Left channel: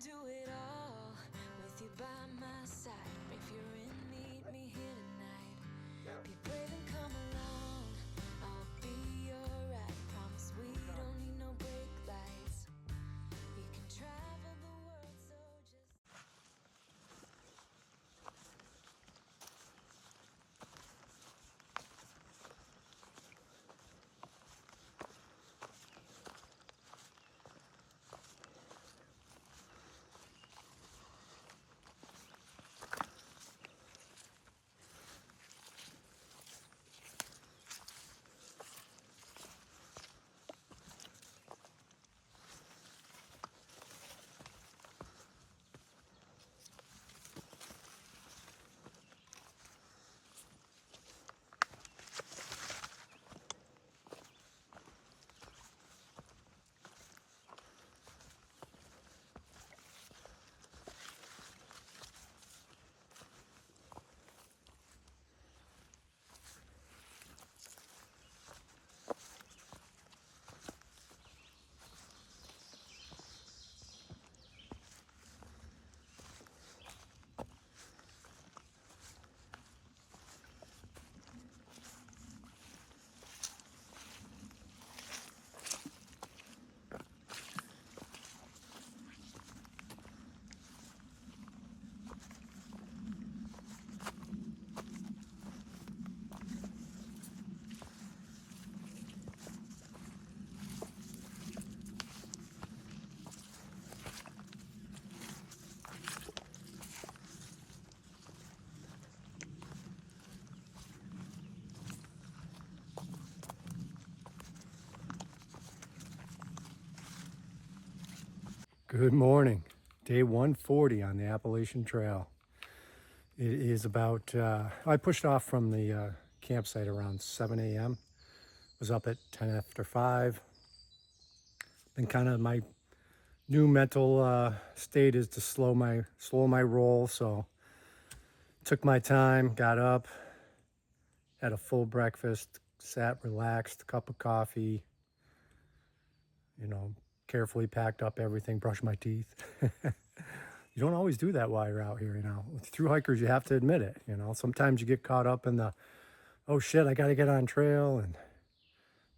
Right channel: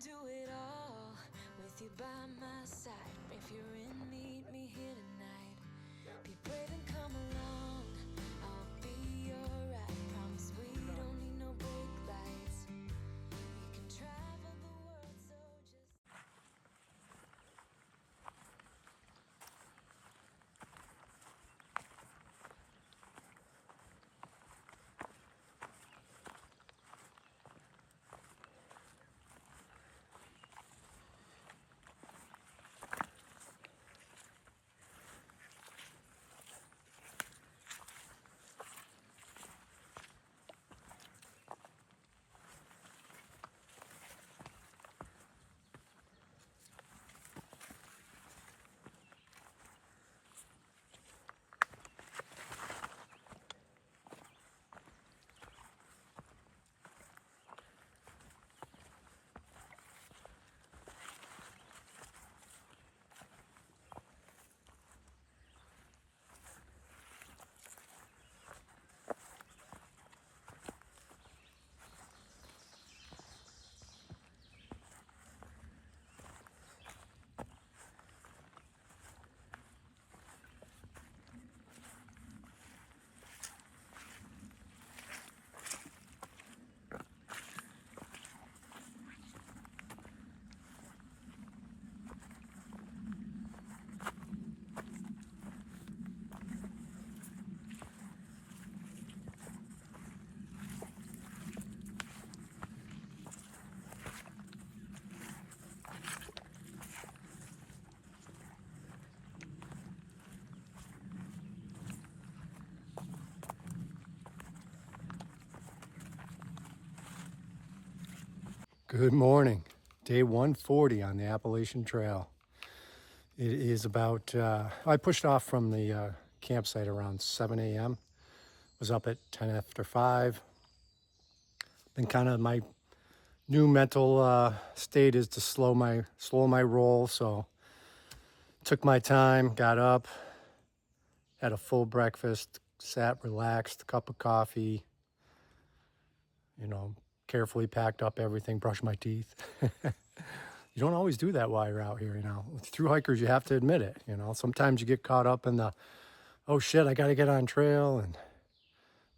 do it all with you by my side. If you're in, meet me here tonight. Be brave and come along. I'll be your ride. Promise we don't need no brake lights. We can travel the world, so just. Good morning. Day 140 on the Appalachian Trail. It is about, I pushed off from the campsite around 7 a.m. Was up at 10 after 5. Then kind of my new mental state is to slow my roll. So took my time, got up, had a full breakfast, sat, relaxed, cup of coffee, carefully packed up everything, brushed my teeth. You don't always do that while you're out here, With thru hikers, you have to admit it, Sometimes you get caught up in the, oh shit, I got to get on trail and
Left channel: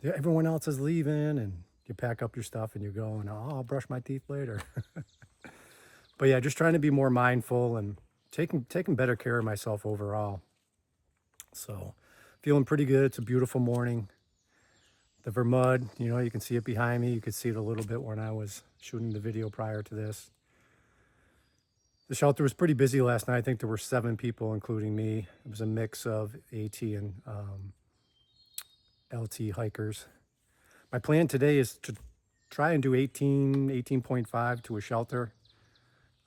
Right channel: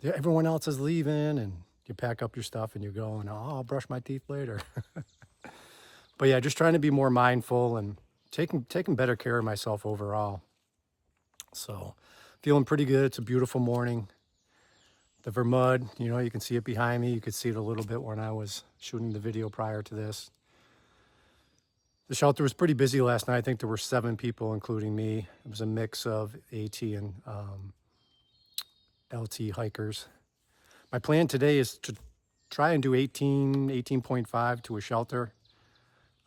everyone else is leaving, and you pack up your stuff and you're going, oh, I'll brush my teeth later. But yeah, just trying to be more mindful and taking better care of myself overall. So feeling pretty good. It's a beautiful morning. The Vermud, you can see it behind me. You could see it a little bit when I was shooting the video prior to this. The shelter was pretty busy last night. I think there were 7 people, including me. It was a mix of AT and LT hikers. My plan today is to try and do 18.5 to a shelter.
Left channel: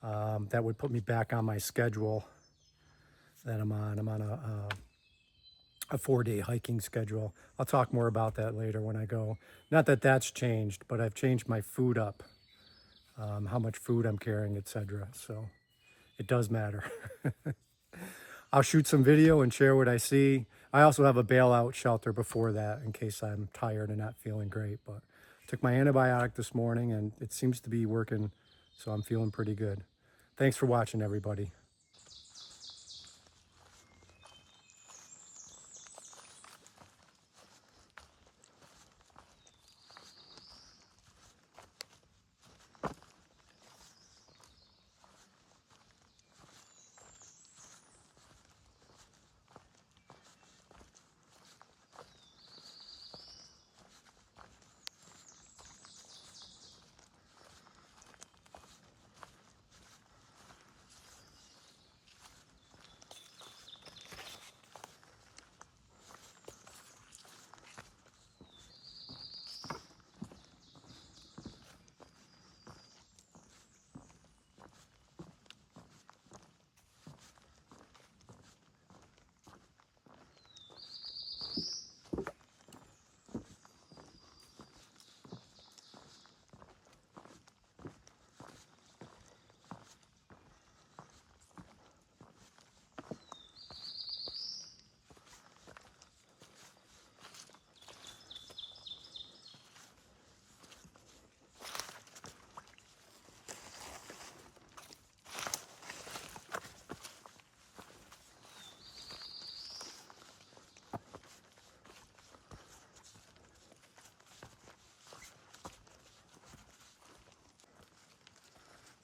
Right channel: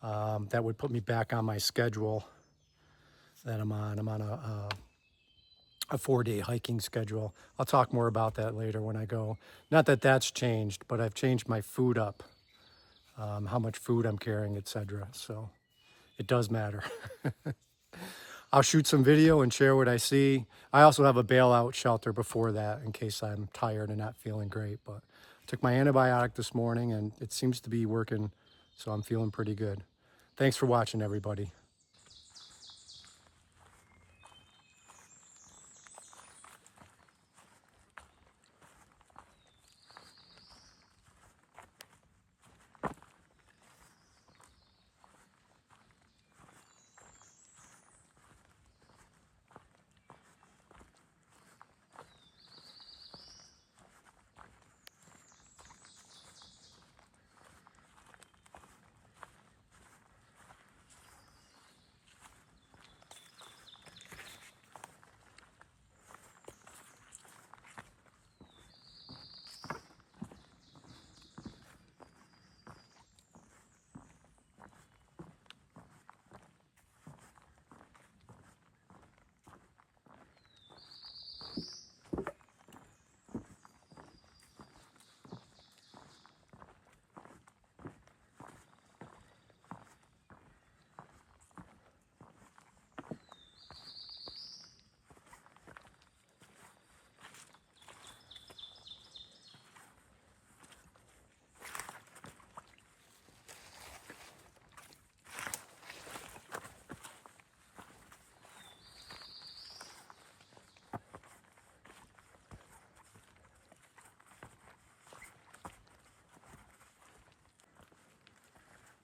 That would put me back on my schedule that I'm on. I'm on a 4-day hiking schedule. I'll talk more about that later when I go. Not that that's changed, but I've changed my food up, how much food I'm carrying, etc. So it does matter. I'll shoot some video and share what I see. I also have a bailout shelter before that in case I'm tired and not feeling great. But I took my antibiotic this morning and it seems to be working, so I'm feeling pretty good. Thanks for watching, everybody.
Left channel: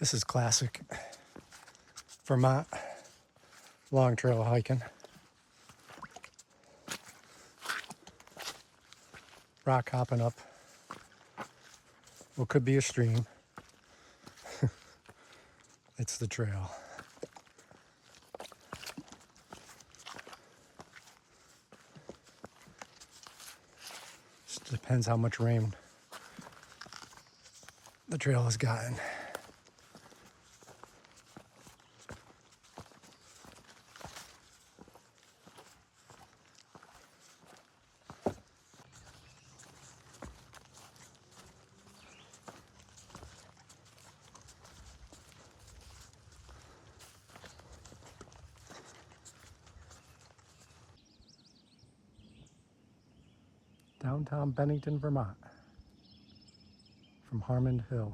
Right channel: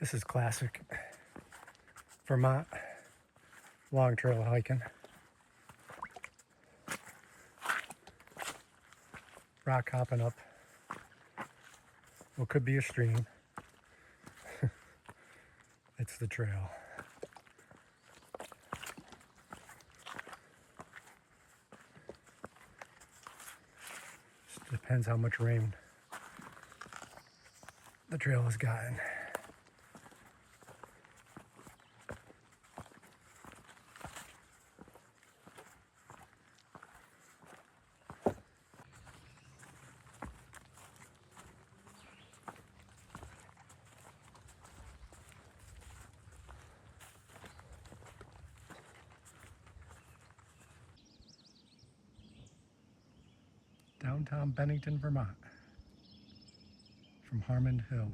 This is classic Vermont long trail hiking. Rock hopping up what could be a stream. It's the trail. Just depends how much rain the trail has gotten. Downtown Bennington, Vermont, from Harmon Hill.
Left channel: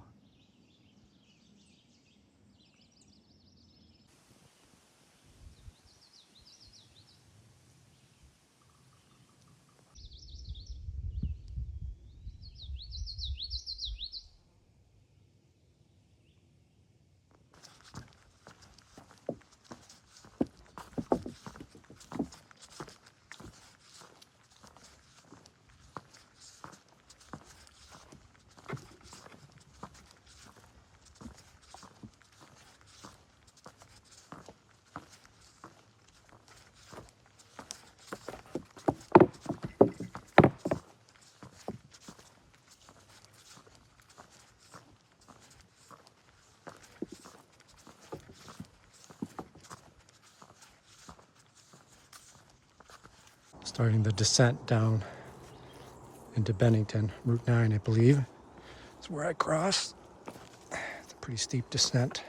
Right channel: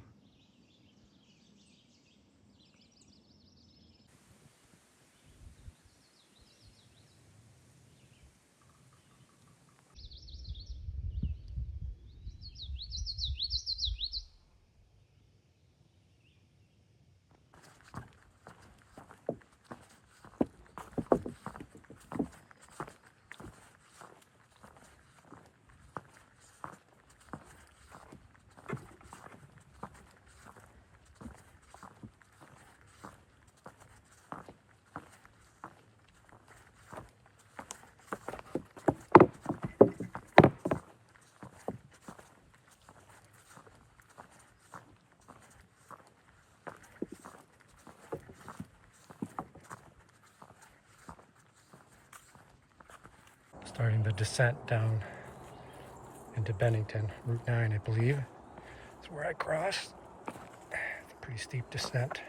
Starting the descent down into Bennington, Route 9, I believe. That's where I crossed. It's a pretty steep descent.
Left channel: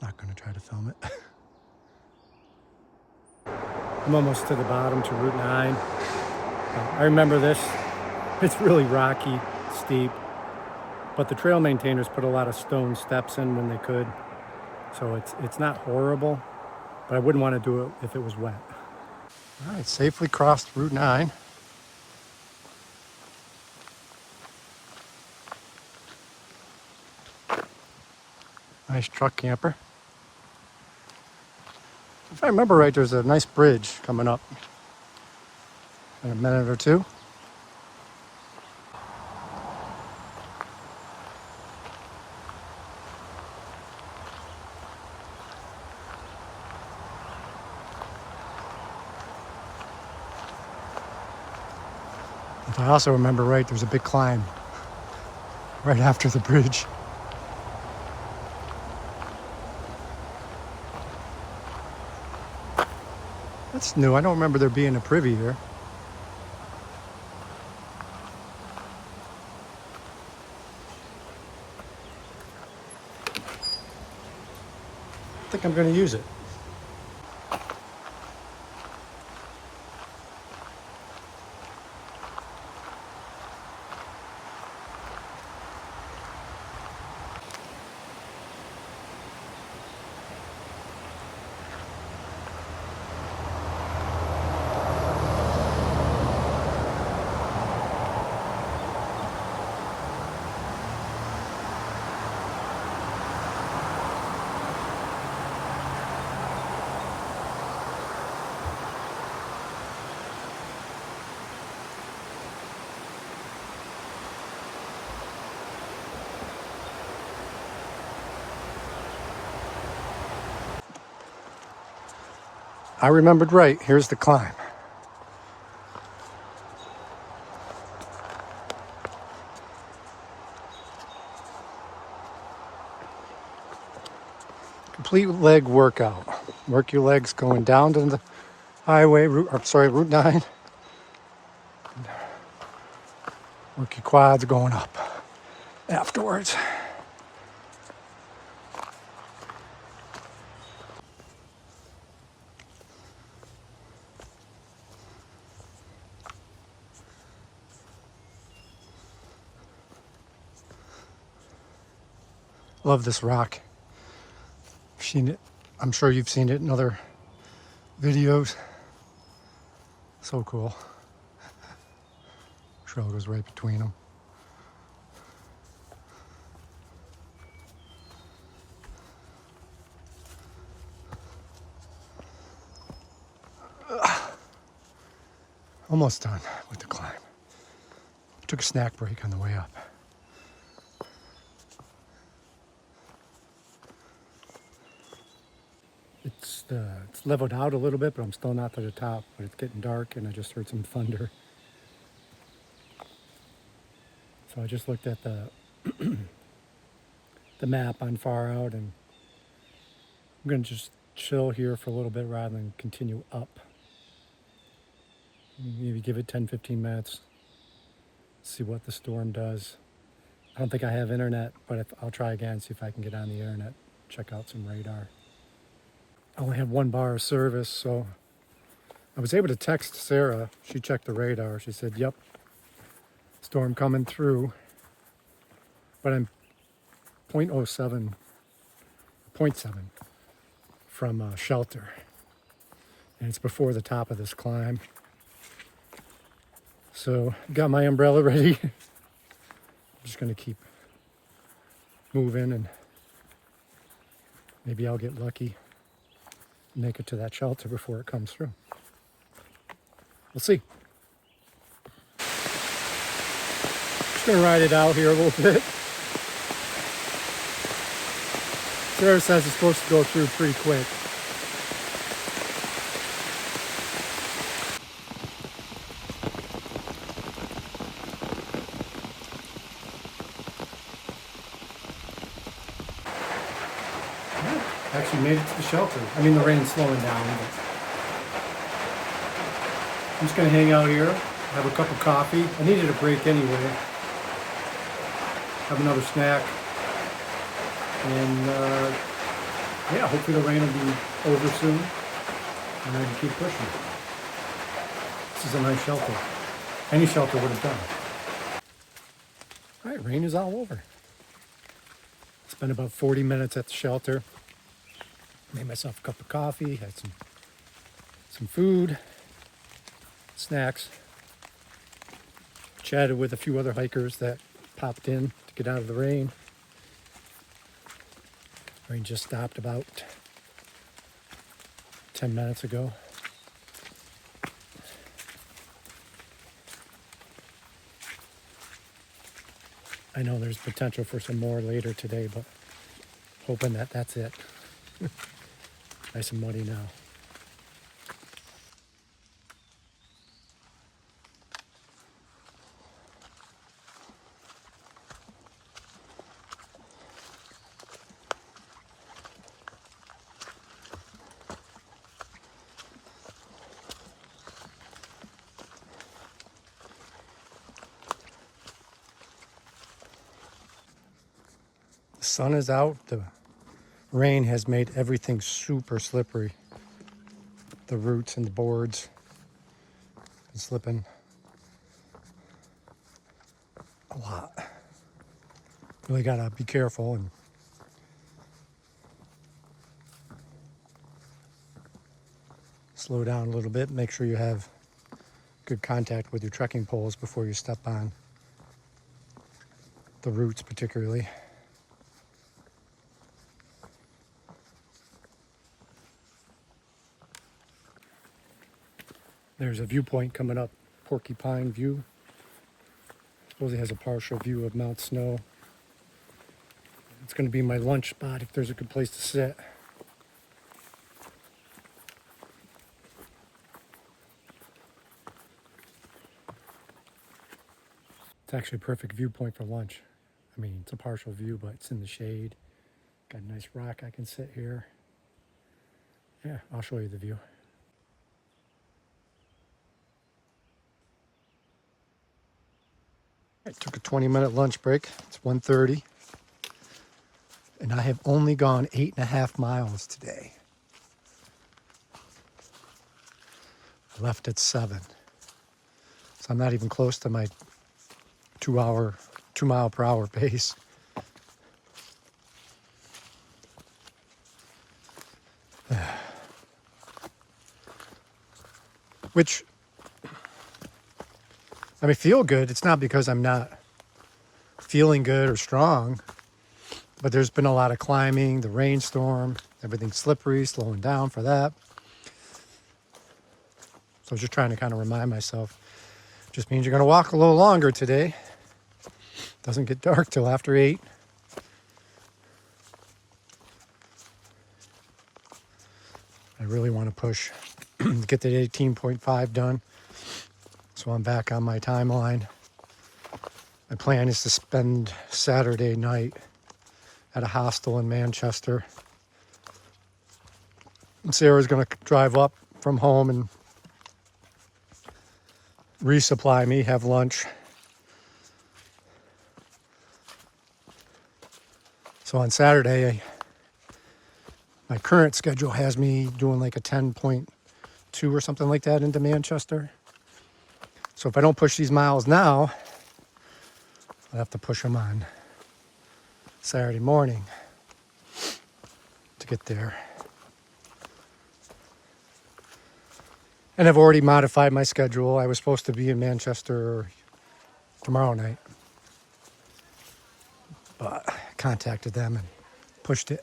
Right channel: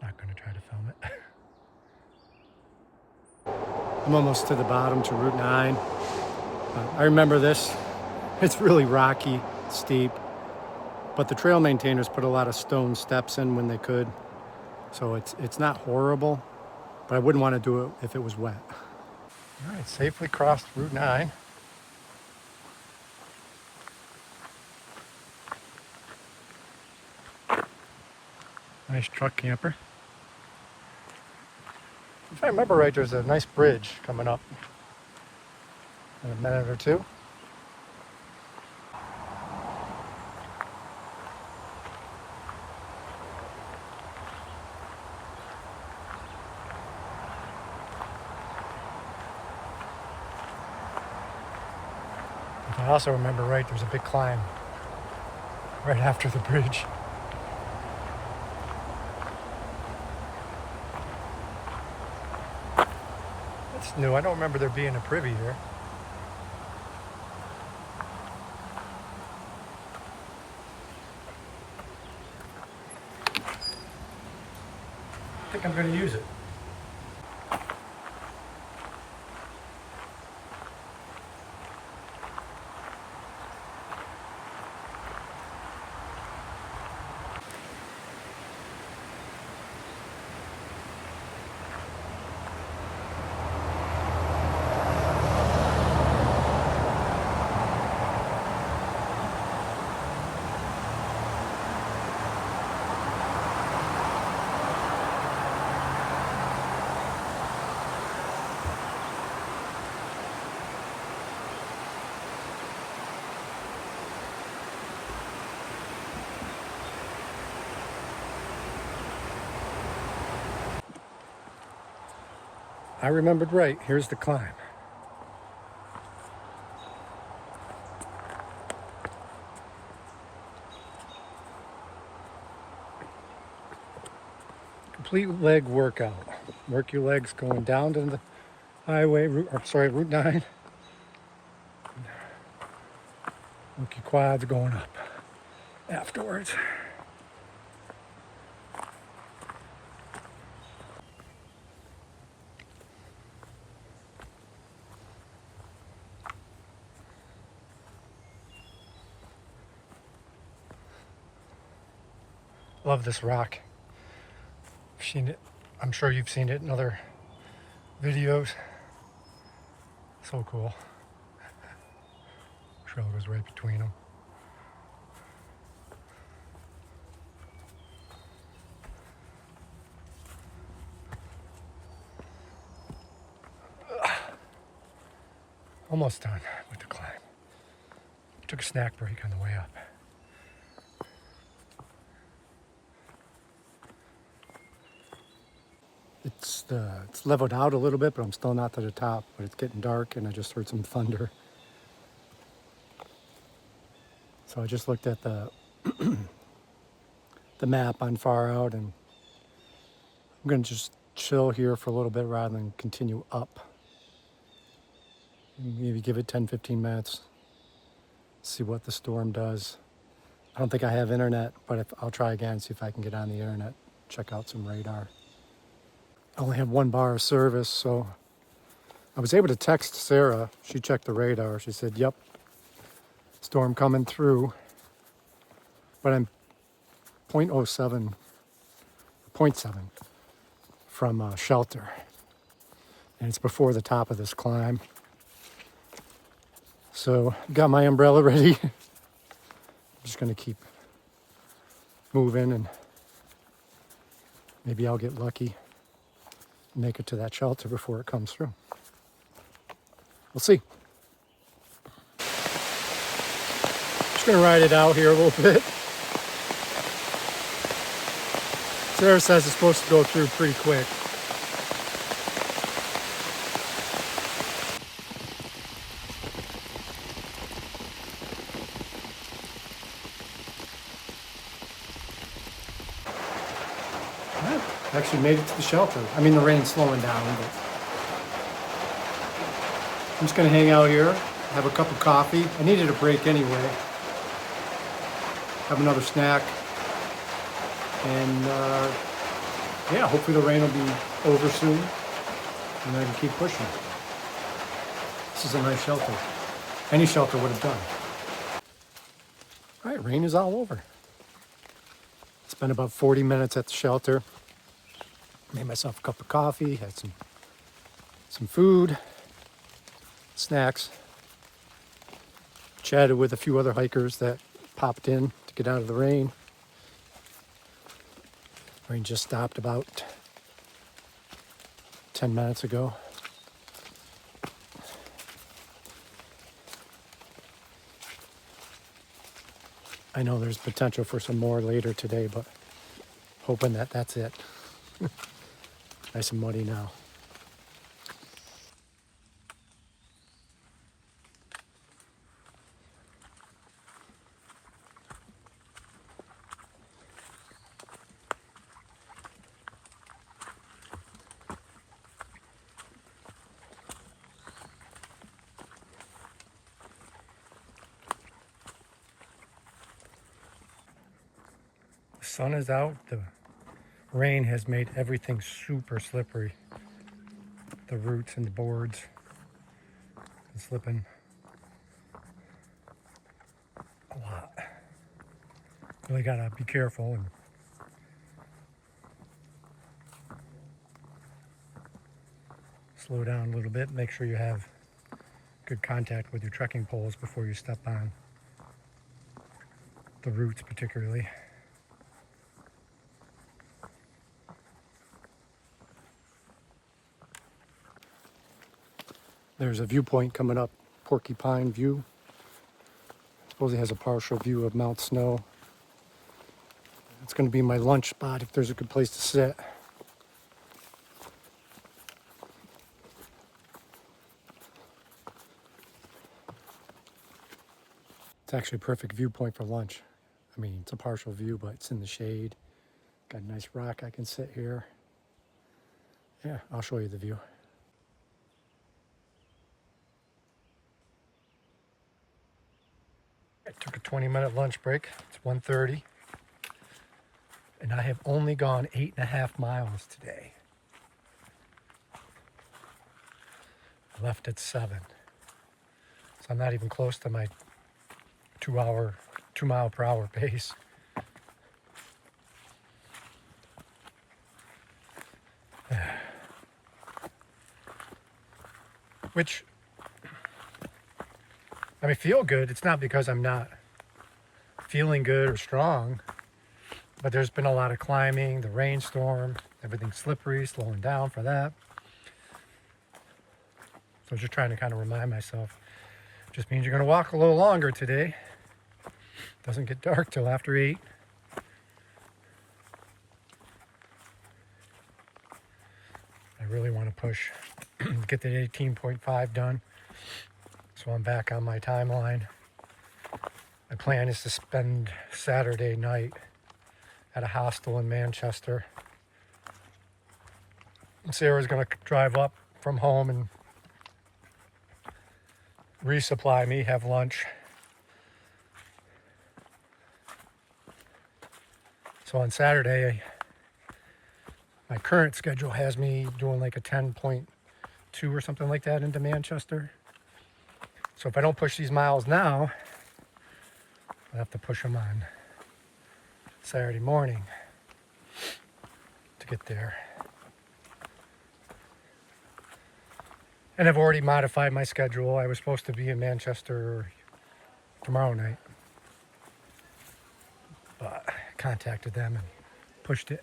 Not going to try to film it. I'm almost to the bottom, to Route 9. I remember this. It's really rocky, steep, but the trail maintainers put a lot of stone steps in when they could. So it's not horrible, but I wouldn't want to do it if it was wet. All right, safely crossed Route 9. Nice truck camper. If I remember right, there's a nice bridge coming up in a minute or two. If I also remember right, there's a big climb right after the bridge. That's new. I don't remember there being a privy here. I think I'm going to use it. I remembered right. Here's the climb. Complete leg workout. Work your legs going down to the highway, Route 9. Work your quads going up afterwards. Love this rock. I've seen it. I'm sure you've seen it in other videos. So cool. Trail goes right between them. Almost done with the climb. Took a snack break on the way up. It's leveled out a little bit, but I'm still not to the top. But it's getting dark, and I just heard some thunder. So I just looked at the the map on far out, and I'm gonna just chill here for a little bit rather than continue up. Maybe give it 10-15 minutes. See what the storm does. I don't think I have internet, but I'll try again, see if I can get on the internet, check out some radar. I only have 1 bar of service, so I was able to text Sarah. She checked the radar. She said, yep, storm coming through. But I'm 0.07 from shelter. And it's before the top of this climb. So got my umbrella ready. I'm just gonna keep moving, and maybe I'll get lucky and make it to that shelter before it comes through. We'll see. Just gonna ride it out here a little bit. Sarah says it's supposed to go through pretty quick. Actually made it to the shelter. I mean, the rain's slowing down, but I'm just gonna hang out here, have a cup of coffee. I needed a break anyway. Have another snack. And yeah, hopefully the rain will be over soon, and I can keep pushing. This is a nice shelter. Any shelter would have done. All right, rain is all over. Spent about 40 minutes at the shelter. Made myself a cup of coffee, had some food, snacks. Chatted with a few other hikers that popped in to get out of the rain. Rain just stopped about 10 minutes ago. I know there's potential for some more later today, but hoping that that's it. Nice and muddy now. The sun is out. The rain has made everything super slippery. The roots and the boards are slipping a lot. Really gotta be careful and slow down a little bit. Make sure you have good contact with your trekking poles before you step on the roots particularly. There's a viewpoint coming up, Porcupine View. I suppose it has a partial view of Mount Snow. It's going to be my lunch spot if there's a good place to sit. It's actually a perfect viewpoint for lunch. I mean, it's a partial view, but it's in the shade. Got a nice rock I can sit here. Here, I'll show you the view. I took a 20-minute lunch break. It's 1:30. And I have only gone 8.5 miles today. Left at 7. So I'm not even close to my 2 mile per hour pace. Which, I feel good. It's not because I'm not feeling good or strong, but there's been a lot of climbing, the rainstorm, everything's slippery, slowing down for that. So I was just trying to kind of remind myself, Just means you're going to walk a little longer today. Doesn't get dark till after 8. I really want to push, get that 18.5 done, so I'm back on my timeline. My plan is to spend Saturday night at a hostel in Manchester. And Sarah's going to drive up from home and resupply me, have lunch. So on Saturday, my current schedule has me doing like a 10.2 or something like that into Manchester. So if I don't push these miles now, I'll have to push them on Saturday morning to get there. And I've already modified my schedule. I was supposed to be in Manchester tomorrow night, but I contacted them and pushed it.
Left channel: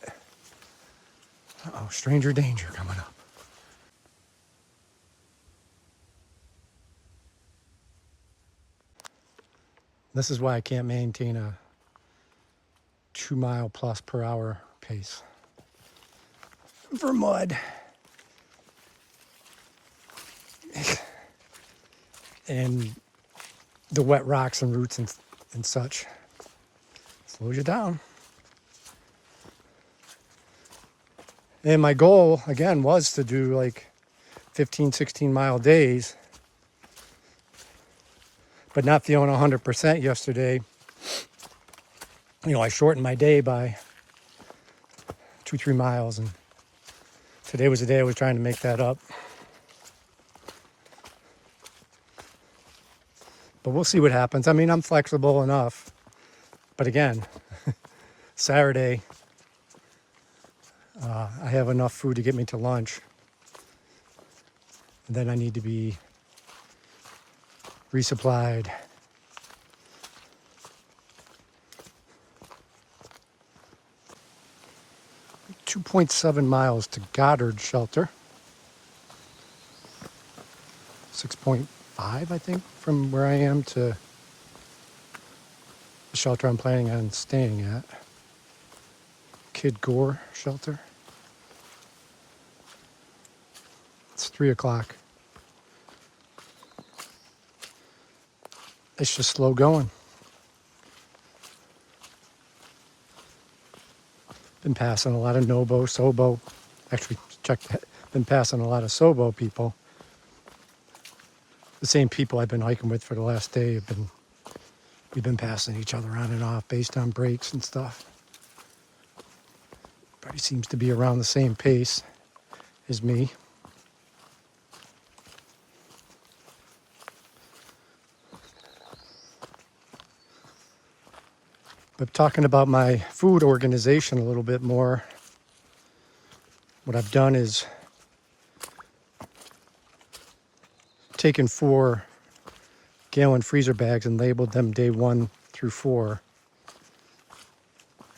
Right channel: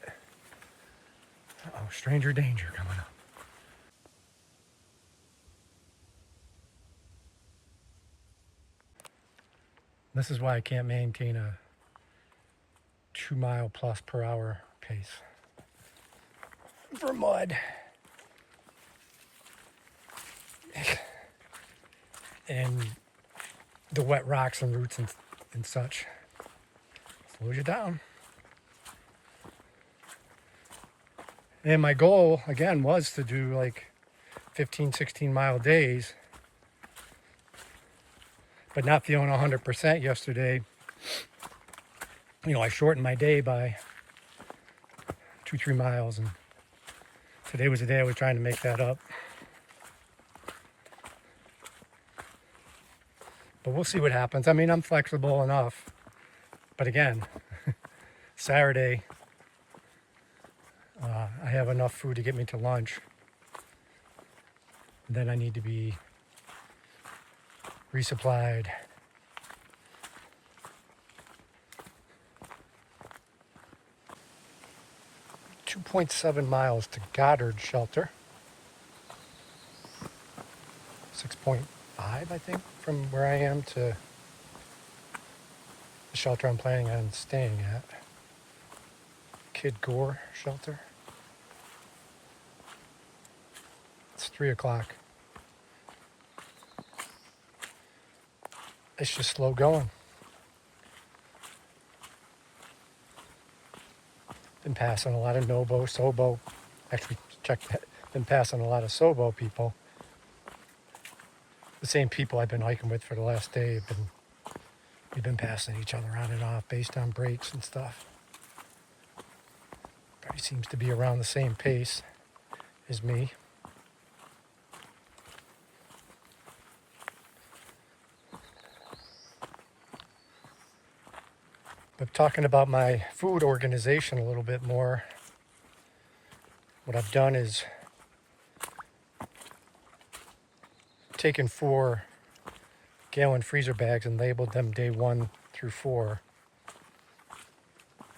Uh-oh, stranger danger coming up. This is why I can't maintain a 2 mile plus per hour pace for mud. And the wet rocks and roots and such slows you down. And my goal, again, was to do like 15, 16 mile days, but not feeling 100% yesterday. You know, I shortened my day by 2-3 miles, and today was the day I was trying to make that up. But we'll see what happens. I mean, I'm flexible enough. But again, Saturday, I have enough food to get me to lunch. And then I need to be resupplied. .7 miles to Goddard shelter. 6.5, I think, from where I am to the shelter I'm planning on staying at. Gore shelter. It's 3 o'clock. It's just slow going. Been passing a lot of Nobo, Sobo. Actually, check that. Been passing a lot of Sobo people. The same people I've been hiking with for the last day we've been passing each other on and off based on breaks and stuff. But he seems to be around the same pace as me. But talking about my food organization a little bit more, what I've done is taken 4 gallon freezer bags and labeled them day 1 through 4.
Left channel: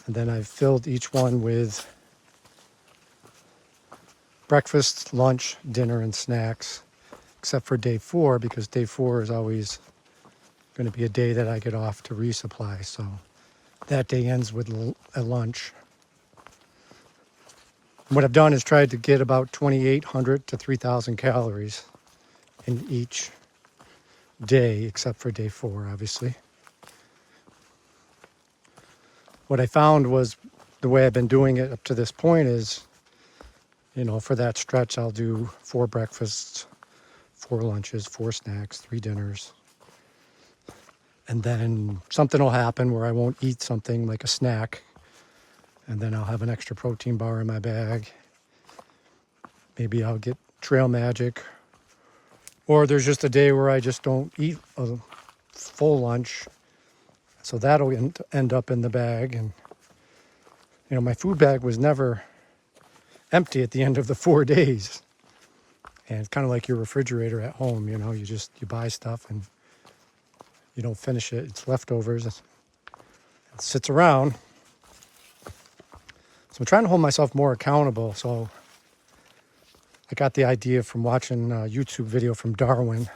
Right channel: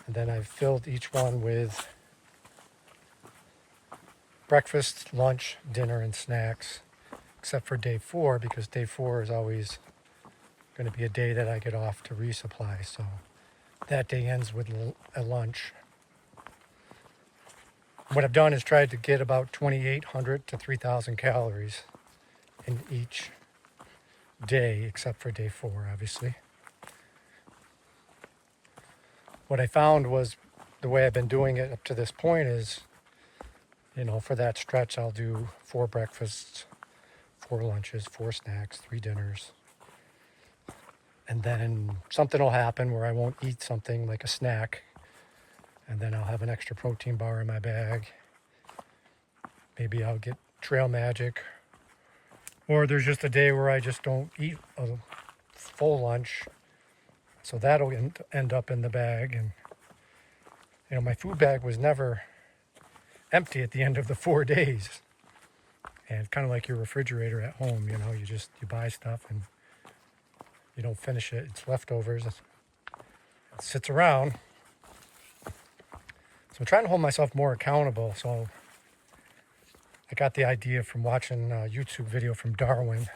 And then I've filled each one with breakfast, lunch, dinner, and snacks, except for day 4, because day 4 is always going to be a day that I get off to resupply. So that day ends with a lunch. And what I've done is tried to get about 2,800 to 3,000 calories in each day, except for day 4, obviously. What I found was the way I've been doing it up to this point is, you know, for that stretch, I'll do 4 breakfasts, 4 lunches, 4 snacks, 3 dinners. And then something will happen where I won't eat something like a snack. And then I'll have an extra protein bar in my bag. Maybe I'll get Trail Magic. Or there's just a day where I just don't eat a full lunch. So that'll end up in the bag. And, you know, my food bag was never empty at the end of the 4 days. And it's kind of like your refrigerator at home, you know, you buy stuff and you don't finish it. It's leftovers. It sits around. So I'm trying to hold myself more accountable. So I got the idea from watching a YouTube video from Darwin.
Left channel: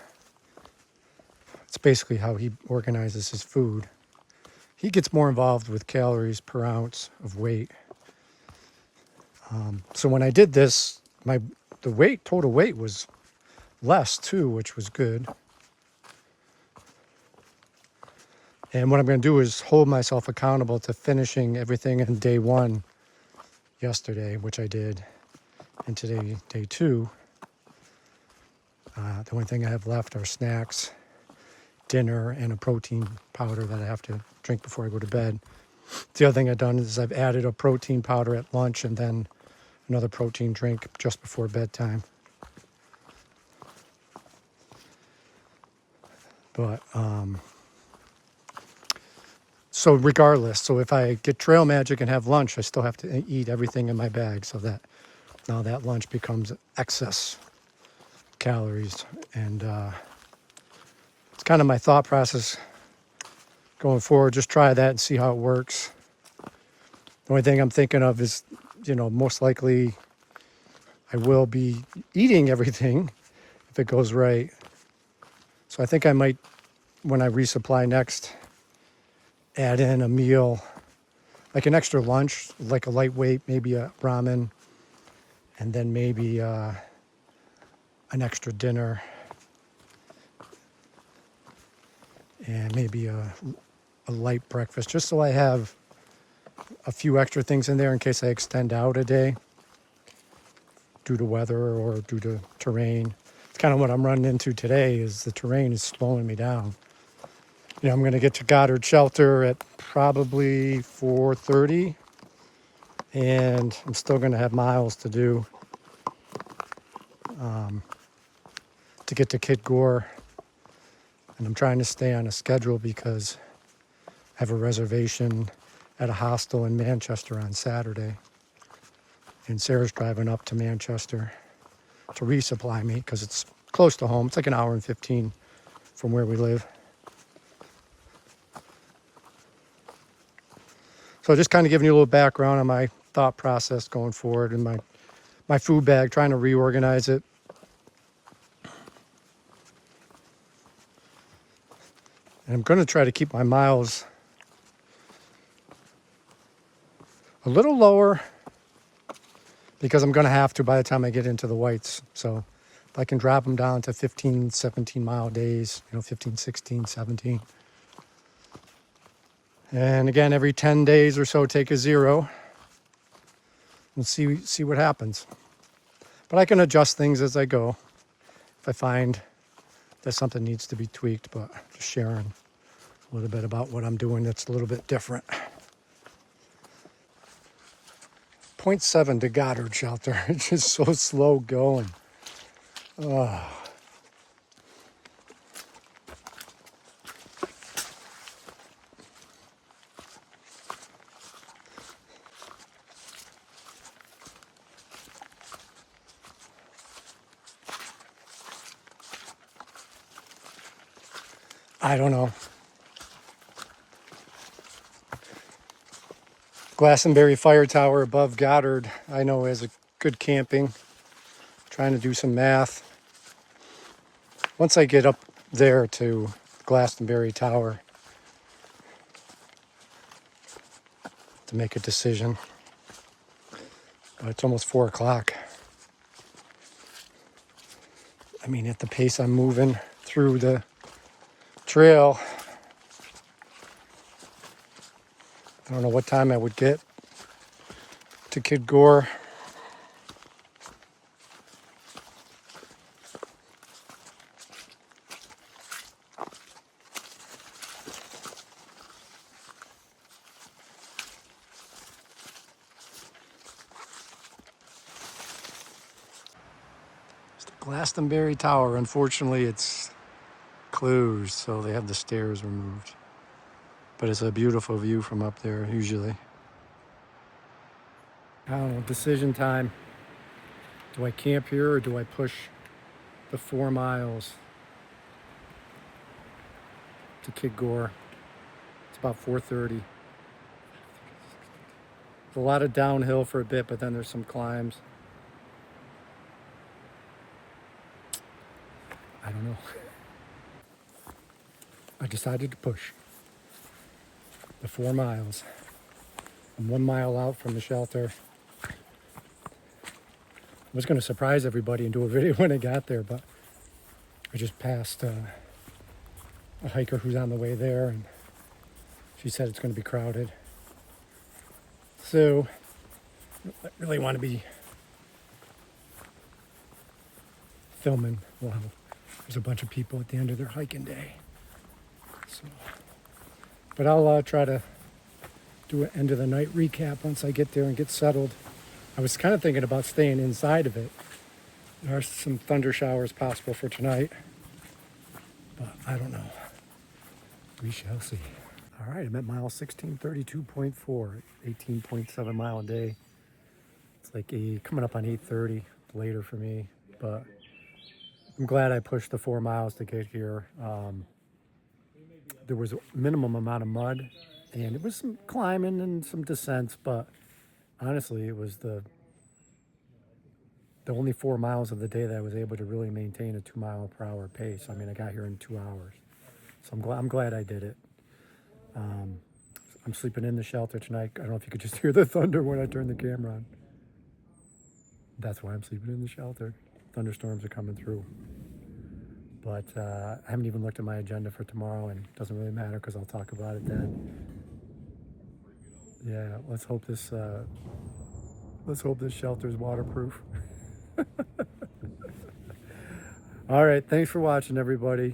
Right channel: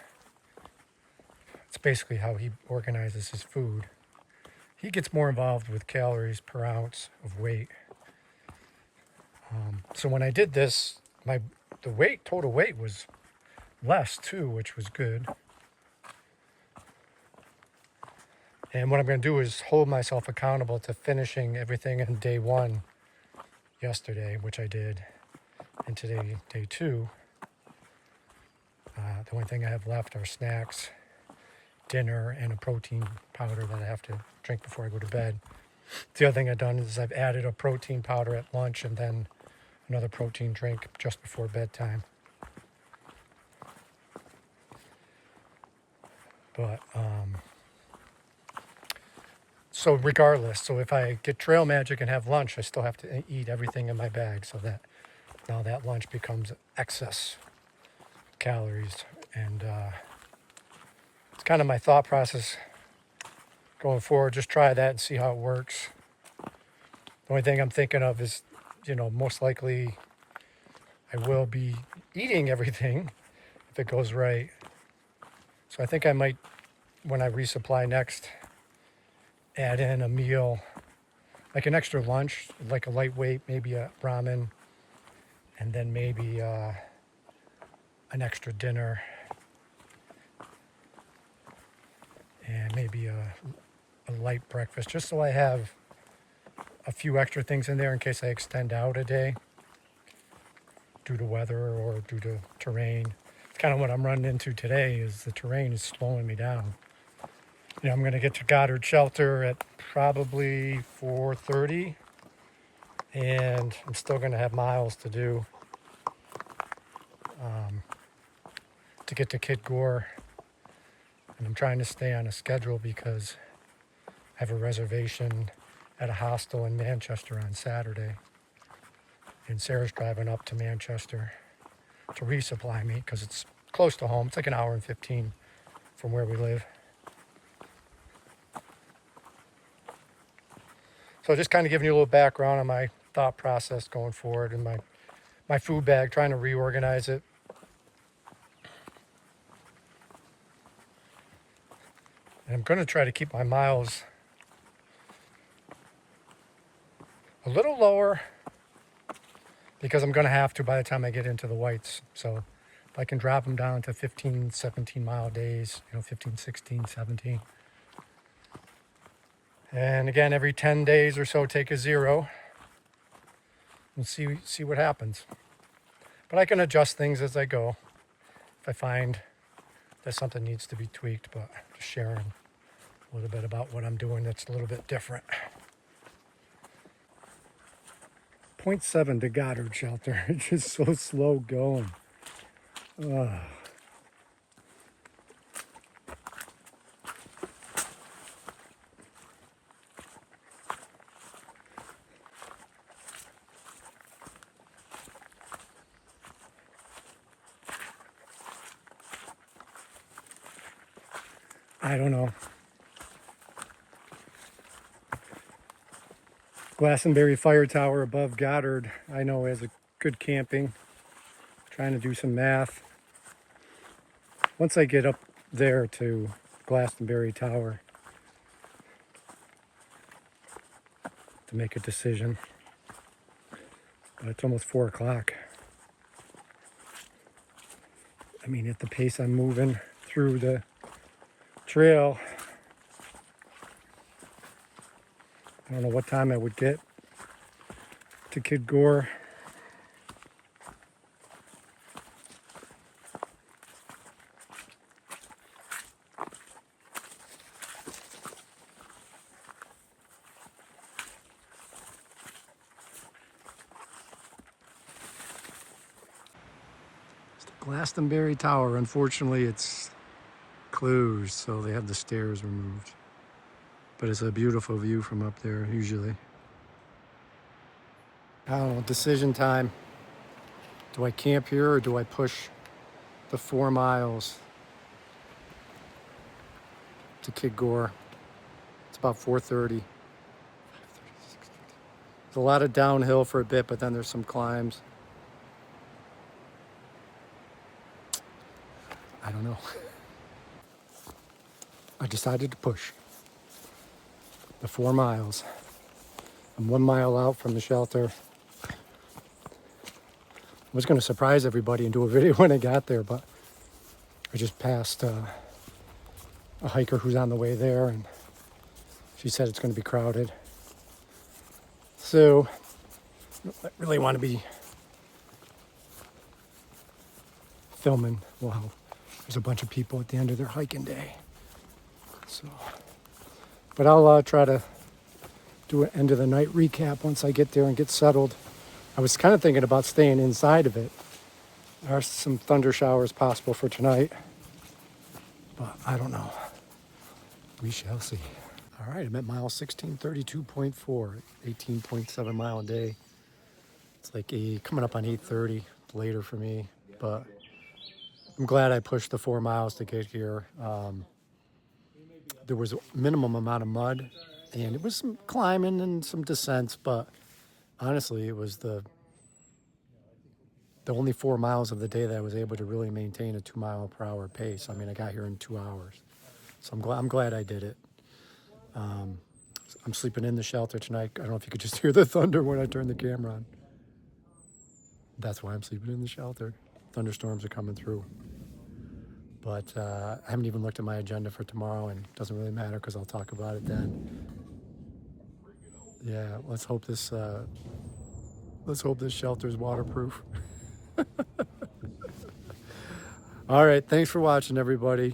It's basically how he organizes his food. He gets more involved with calories per ounce of weight. So when I did this, the total weight was less too, which was good. And what I'm going to do is hold myself accountable to finishing everything in day 1 yesterday, which I did, and today, day 2. The only thing I have left are snacks, dinner, and a protein powder that I have to drink before I go to bed. The other thing I've done is I've added a protein powder at lunch and then another protein drink just before bedtime. But, so regardless, so if I get Trail Magic and have lunch, I still have to eat everything in my bag, so that now that lunch becomes excess calories. And it's kind of my thought process going forward. Just try that and see how it works. The only thing I'm thinking of is, most likely I will be eating everything if it goes right. So I think I might, when I resupply next, add in a meal, like an extra lunch, like a lightweight, maybe a ramen, and then maybe an extra dinner, and maybe a light breakfast, just so I have a few extra things in there in case I extend out a day due to weather or due to terrain. It's kind of what I'm running into today, is the terrain is slowing me down. I'm going to get to Goddard Shelter at probably 4:30, and I'm still going to have miles to do to get to Kid Gore. And I'm trying to stay on a schedule because I have a reservation at a hostel in Manchester on Saturday. And Sarah's driving up to Manchester to resupply me because it's close to home. It's like an hour and 15 from where we live. So just kind of giving you a little background on my thought process going forward and my food bag, trying to reorganize it. And I'm going to try to keep my miles a little lower because I'm going to have to by the time I get into the whites. So if I can drop them down to 15, 17 mile days, 15, 16, 17. And again, every 10 days or so, take a 0 and see what happens. But I can adjust things as I go if I find that something needs to be tweaked, but just sharing a little bit about what I'm doing that's a little bit different. 0.7 to Goddard Shelter. It's just so slow going. Oh. I don't know. Glastonbury Fire Tower above Goddard, I know, is a good camping. Trying to do some math. Once I get up there to Glastonbury Tower to make a decision. But it's almost 4 o'clock. I mean, at the pace I'm moving through the trail, I don't know what time I would get to Kid Gore. Glastonbury Tower, unfortunately, it's closed, so they have the stairs removed. But it's a beautiful view from up there, usually. I don't know, decision time. Do I camp here or do I push the 4 miles to Kid Gore? It's about 4:30. There's a lot of downhill for a bit, but then there's some climbs. I don't know. I decided to push the 4 miles. I'm 1 mile out from the shelter. I was going to surprise everybody and do a video when I got there, but I just passed a hiker who's on the way there, and she said it's going to be crowded. So I really want to be filming while there's a bunch of people at the end of their hiking day. So, but I'll try to do an end of the night recap once I get there and get settled. I was kind of thinking about staying inside of it. There are some thunder showers possible for tonight, but I don't know. We shall see. All right, I'm at mile 1632.4, 18.7 mile a day. It's like coming up on 8:30, later for me, but I'm glad I pushed the 4 miles to get here. There was a minimum amount of mud, and it was some climbing and some descents, but honestly, it was the only 4 miles of the day that I was able to really maintain a 2 mile per hour pace. I mean, I got here in 2 hours, so I'm glad I did it. I'm sleeping in the shelter tonight. I don't know if you could just hear the thunder when I turn the camera on. That's why I'm sleeping in the shelter. Thunderstorms are coming through. But I haven't even looked at my agenda for tomorrow, and it doesn't really matter because I'll talk about it then. Yeah, let's hope this shelter is waterproof. All right, thanks for watching, everybody.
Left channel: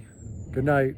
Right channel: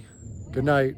Good night.